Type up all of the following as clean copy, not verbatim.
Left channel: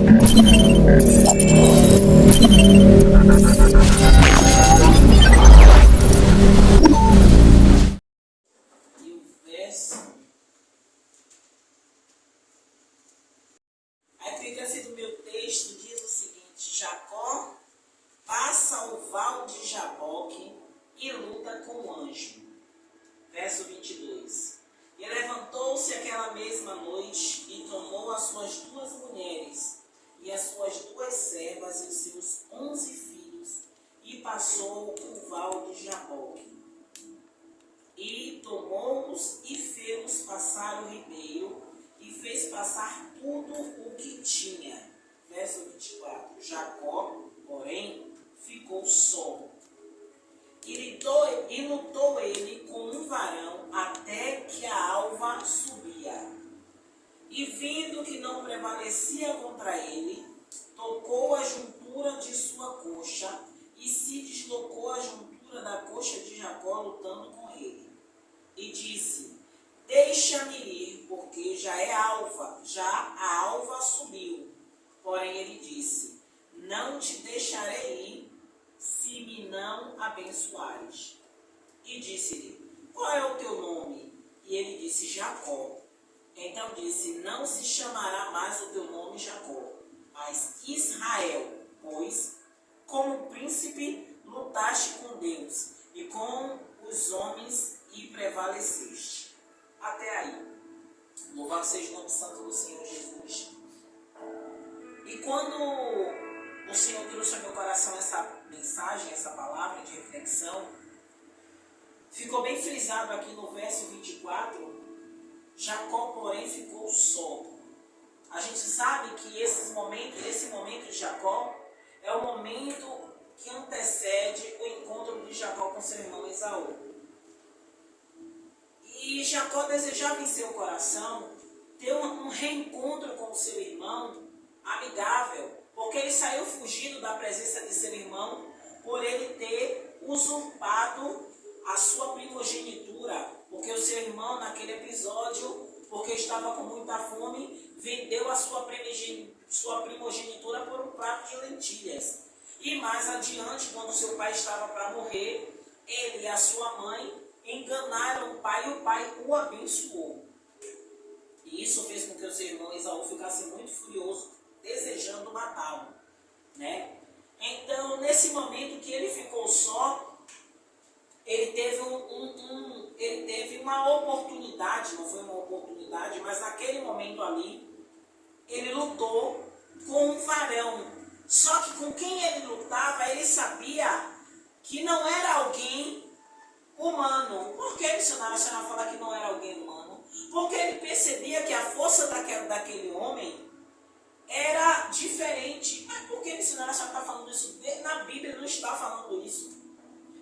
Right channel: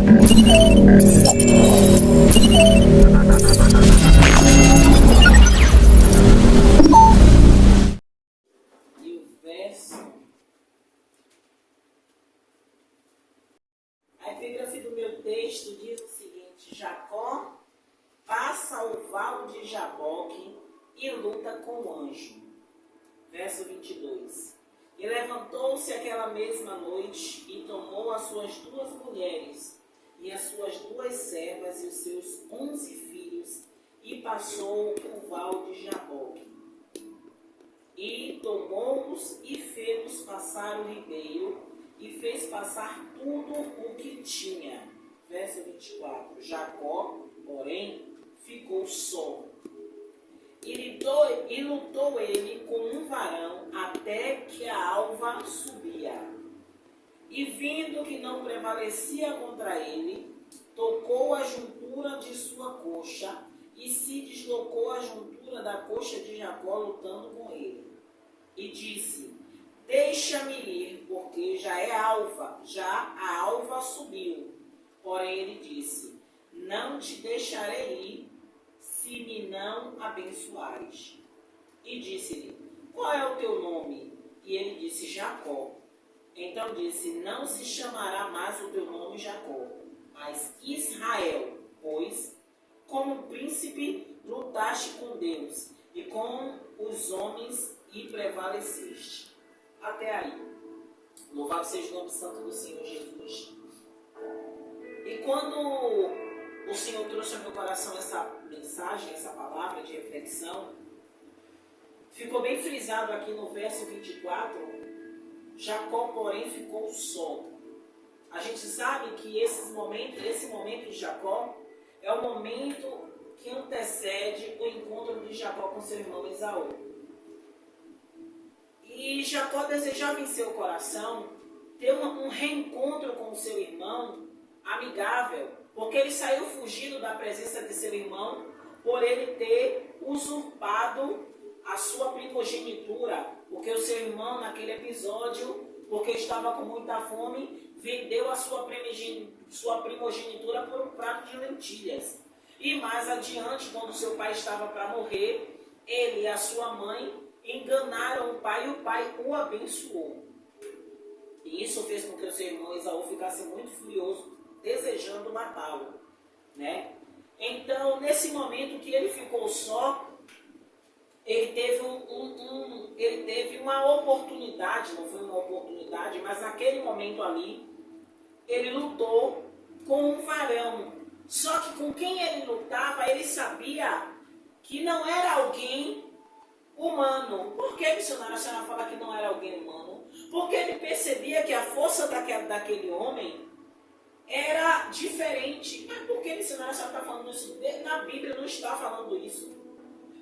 E o verso. A epígrafe do meu texto diz o seguinte: Jacó passa ao val de Jaboque e luta com o anjo. Verso 22. E levantou-se aquela mesma noite e tomou as suas 2 mulheres e as suas 2 servas e os seus 11 filhos e passou o val de Jaboque. E tomou-os e fez-os passar o ribeiro e fez passar tudo o que tinha. Verso 24. Jacó, porém, ficou só. E lutou ele com um varão até que a alva subia. E vindo que não prevalecia contra ele, tocou a juntura de sua coxa e se deslocou a juntura da coxa de Jacó lutando com ele. E disse: deixa-me ir, porque já é alva, já a alva subiu. Porém ele disse: não te deixarei ir, se me não abençoares. E disse-lhe: qual é o teu nome? E ele disse: Jacó. Então disse: não se chamará mais o teu nome Jacó, mas Israel, pois, como príncipe, lutaste com Deus e com os homens e prevaleceste. Até aí. Louvado seja o nome santo do Senhor Jesus. E quando o Senhor trouxe ao meu coração essa mensagem, essa palavra de reflexão, ficou bem frisado aqui no verso 24, Jacó, porém, ficou só. A gente sabe que esse momento de Jacó é o momento que antecede o encontro de Jacó com seu irmão Esaú. E Jacó desejava em seu coração ter um reencontro com o seu irmão amigável, porque ele saiu fugindo da presença de seu irmão por ele ter usurpado a sua primogenitura, porque o seu irmão naquele episódio, porque estava com muita fome, vendeu a sua primogenitura por um prato de lentilhas. E mais adiante, quando seu pai estava para morrer, ele e a sua mãe enganaram o pai e o pai o abençoou. E isso fez com que o seu irmão Esaú ficasse muito furioso, desejando matá-lo, né? Então, nesse momento que ele ficou só, ele teve uma oportunidade, não foi uma oportunidade, mas naquele momento ali, ele lutou com um varão. Só que com quem ele lutava, ele sabia que não era alguém humano. Por que, missionário, a senhora fala que não era alguém humano? Porque ele percebia que a força daquele homem era diferente. Mas por que, missionário, a senhora está falando isso? Na Bíblia não está falando isso.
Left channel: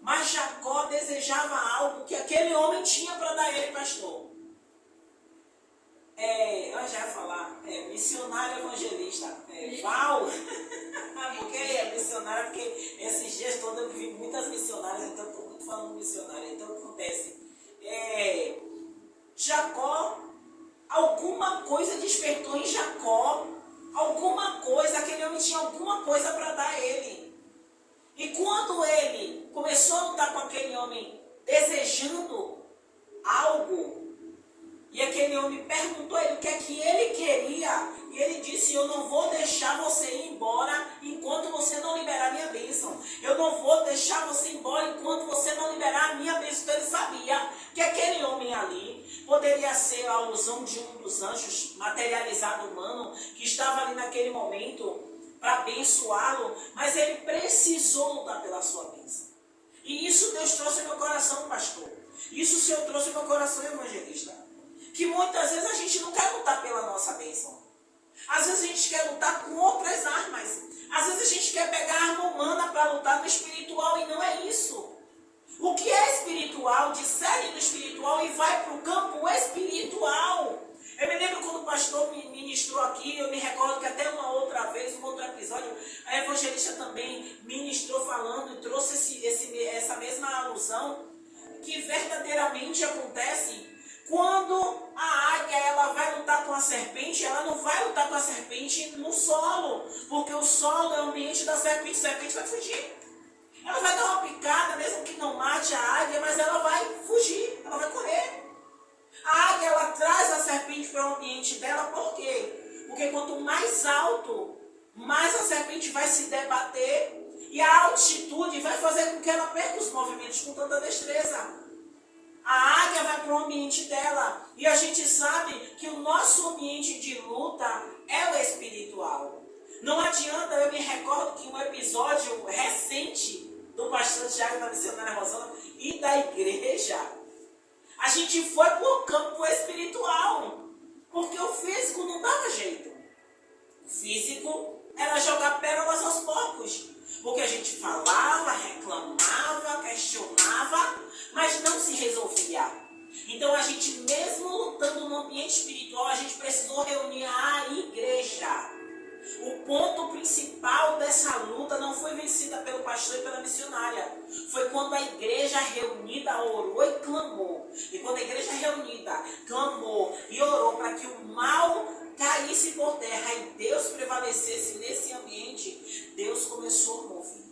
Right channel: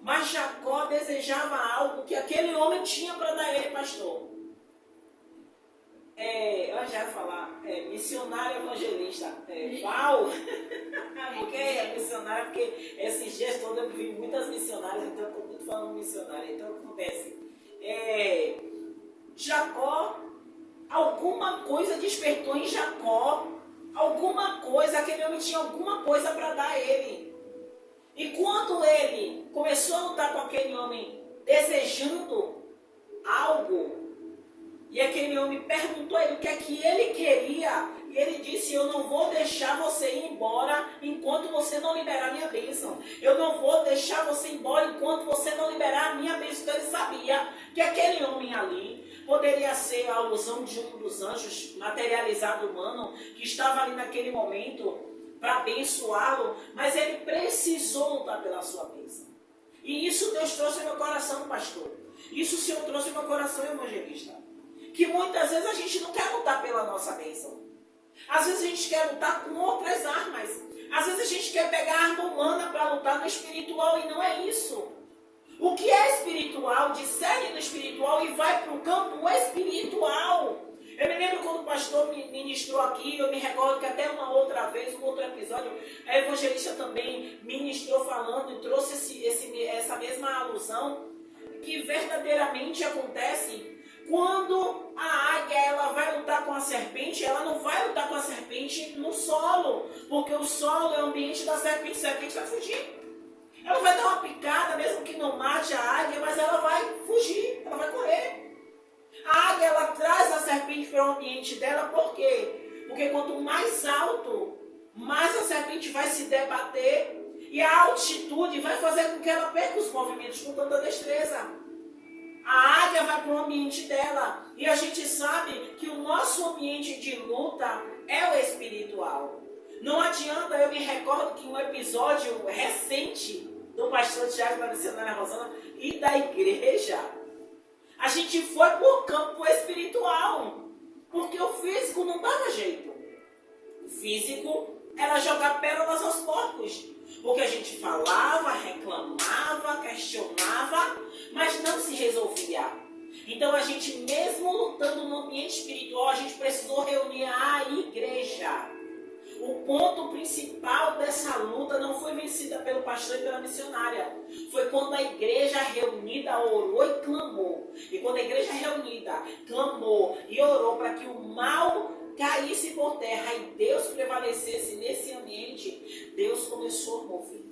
Mas Jacó desejava algo que aquele homem tinha para dar a ele, pastor. Eu já ia falar, missionário evangelista. Val, porque é missionária, porque esses dias todos eu vi muitas missionárias, então eu estou muito falando missionária. Então acontece. Jacó, alguma coisa despertou em Jacó, alguma coisa, aquele homem tinha alguma coisa para dar a ele. E quando ele começou a lutar com aquele homem desejando algo, e aquele homem perguntou a ele o que é que ele queria, e ele disse: eu não vou deixar você ir embora enquanto você não liberar a minha bênção. Eu não vou deixar você ir embora enquanto você não liberar a minha bênção. Então ele sabia que aquele homem ali poderia ser a alusão de um dos anjos materializado humano, que estava ali naquele momento para abençoá-lo, mas ele precisou lutar pela sua bênção. E isso Deus trouxe ao meu coração, pastor. Isso o Senhor trouxe ao meu coração, evangelista. Que muitas vezes a gente não quer lutar pela nossa bênção. Às vezes a gente quer lutar com outras armas. Às vezes a gente quer pegar a arma humana para lutar no espiritual, e não é isso. O que é espiritual, discerne no espiritual e vai para o campo espiritual. Eu me lembro quando o pastor me ministrou aqui, eu me recordo que até uma outra vez, um outro episódio, a evangelista também ministrou falando e trouxe essa mesma alusão, que verdadeiramente acontece quando a águia ela vai lutar com a serpente. Ela não vai lutar com a serpente no solo. Porque o solo é o ambiente da serpente. A serpente vai fugir. Ela vai dar uma picada, mesmo que não mate a águia, mas ela vai fugir, ela vai correr. A águia, ela traz a serpente para o ambiente dela, por quê? Porque quanto mais alto, mais a serpente vai se debater e a altitude vai fazer com que ela perca os movimentos com tanta destreza. A águia vai para o ambiente dela e a gente sabe que o nosso ambiente de luta é o espiritual. Não adianta, eu me recordo que um episódio recente do pastor Tiago, da missionária Rosana e da igreja, a gente foi para o campo espiritual, porque o físico não dava jeito. O físico era jogar pérolas aos porcos, porque a gente falava, reclamava, questionava, mas não se resolvia. Então a gente, mesmo lutando no ambiente espiritual, a gente precisou reunir a igreja. O ponto principal dessa luta não foi vencida pelo pastor e pela missionária. Foi quando a igreja reunida orou e clamou. E quando a igreja reunida clamou e orou para que o mal caísse por terra e Deus prevalecesse nesse ambiente, Deus começou a mover.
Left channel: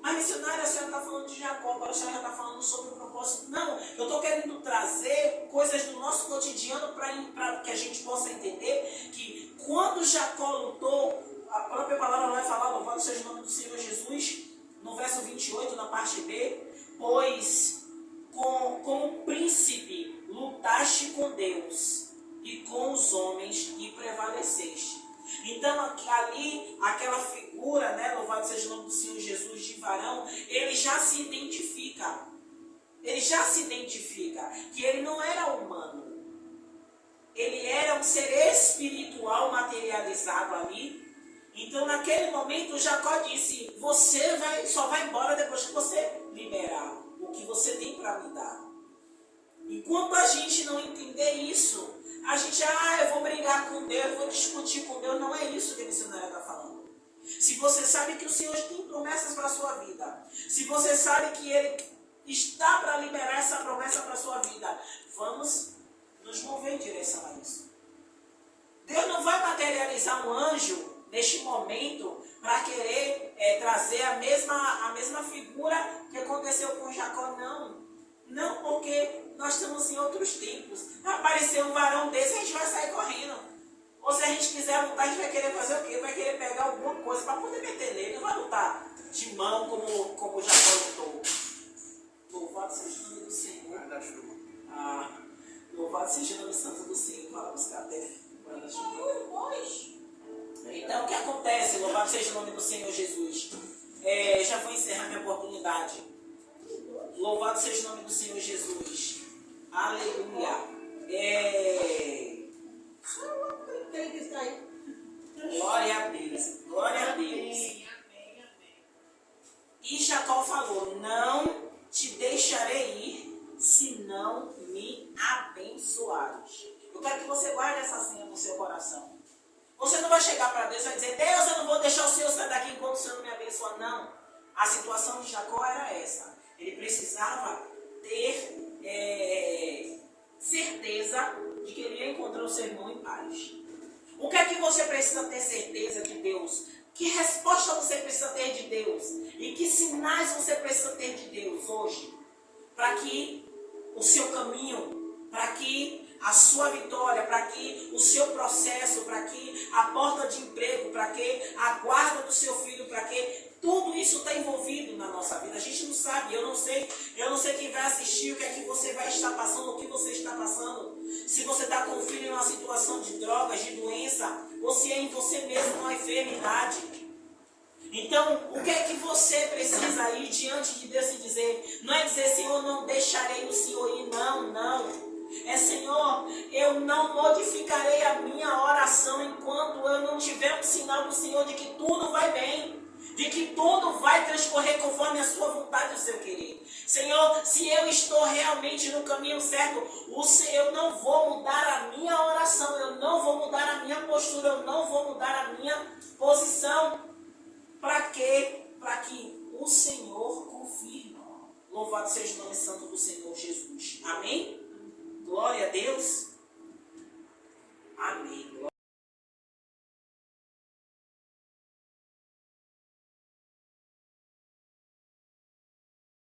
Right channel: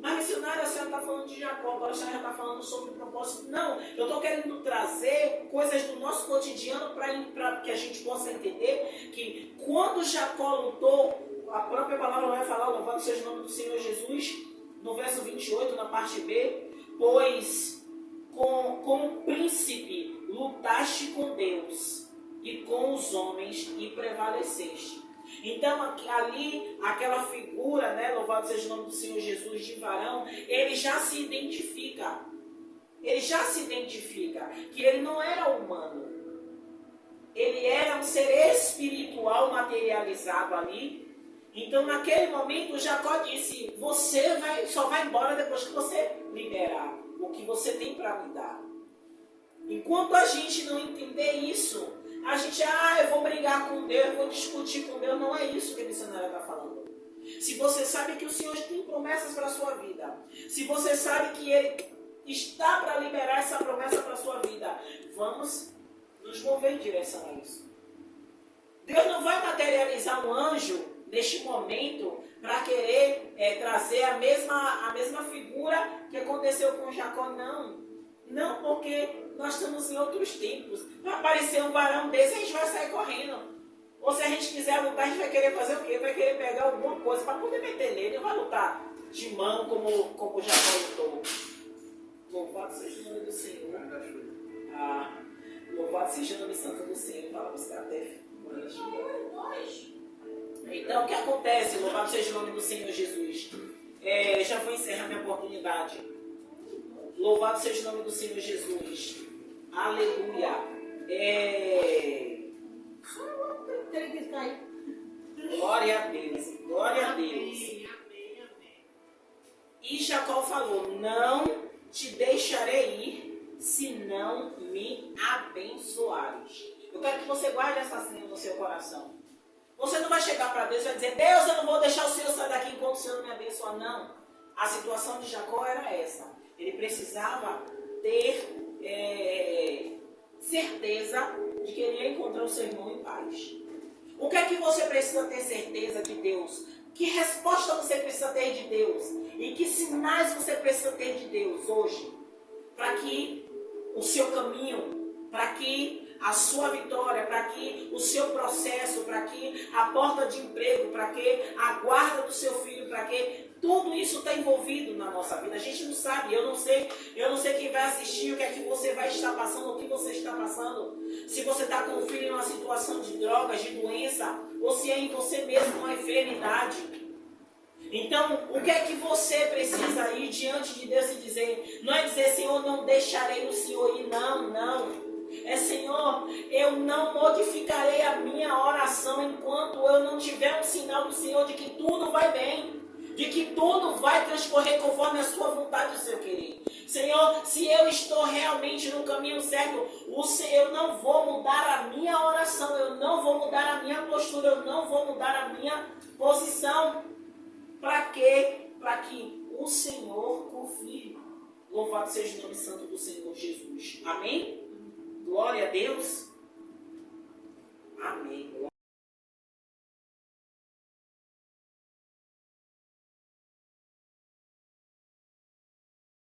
Mas missionária, a senhora está falando de Jacó, agora a senhora já está falando sobre o propósito. Não, eu estou querendo trazer coisas do nosso cotidiano para que a gente possa entender que quando Jacó lutou, a própria palavra vai falar, louvado seja o nome do Senhor Jesus, no verso 28, na parte B, pois como príncipe lutaste com Deus e com os homens e prevaleceste. Então ali, aquela figura, né, louvado seja o nome do Senhor Jesus, de varão, ele já se identifica. Ele já se identifica que ele não era humano. Ele era um ser espiritual materializado ali. Então naquele momento Jacó disse, você só vai embora depois que você liberar o que você tem para me dar. Enquanto a gente não entender isso, a gente, eu vou brigar com Deus, eu vou discutir com Deus. Não é isso que a missionária está falando. Se você sabe que o Senhor tem promessas para a sua vida, se você sabe que Ele está para liberar essa promessa para a sua vida, vamos nos mover em direção a isso. Deus não vai materializar um anjo neste momento para querer trazer a mesma figura que aconteceu com Jacó, não. Não, porque nós estamos em outros tempos. Vai aparecer um varão desse, a gente vai sair correndo. Ou se a gente quiser lutar, a gente vai querer fazer o quê? Vai querer pegar alguma coisa para poder meter nele. Não vai lutar de mão como Jacó lutou. Louvado seja o nome do Senhor. Louvado seja o nome santo do Senhor. Fala buscar até. Então, o que acontece? Louvado seja o nome do Senhor Jesus. Já vou encerrar minha oportunidade. Louvado seja o nome do Senhor Jesus. Aleluia. Glória a Deus. Glória a Deus. E Jacó falou, não te deixarei ir, se não me abençoares. Eu quero que você guarde essa cena no seu coração. Você não vai chegar para Deus e vai dizer, Deus, eu não vou deixar o Senhor sair daqui enquanto o Senhor não me abençoar. Não. A situação de Jacó era essa. Ele precisava ter certeza de que ele ia encontrar o seu irmão em paz. O que é que você precisa ter certeza de Deus? Que resposta você precisa ter de Deus? E que sinais você precisa ter de Deus hoje? Para que o seu caminho, para que a sua vitória, para que o seu processo, para que a porta de emprego, para que a guarda do seu filho, para que tudo isso está envolvido na nossa vida. A gente não sabe, eu não sei quem vai assistir, o que é que você vai estar passando, o que você está passando. Se você está com o filho em uma situação de drogas, de doença, ou se é em você mesmo uma enfermidade. Então, o que é que você precisa ir diante de Deus e dizer? Não é dizer, Senhor, não deixarei o Senhor ir, não. É, Senhor, eu não modificarei a minha oração enquanto eu não tiver um sinal do Senhor de que tudo vai bem, de que tudo vai transcorrer conforme a sua vontade e o seu querer. Senhor, se eu estou realmente no caminho certo, eu não vou mudar a minha oração, eu não vou mudar a minha postura, eu não vou mudar a minha posição. Para quê? Para que o Senhor confirme. Louvado seja o nome santo do Senhor Jesus. Amém? Glória a Deus. Amém.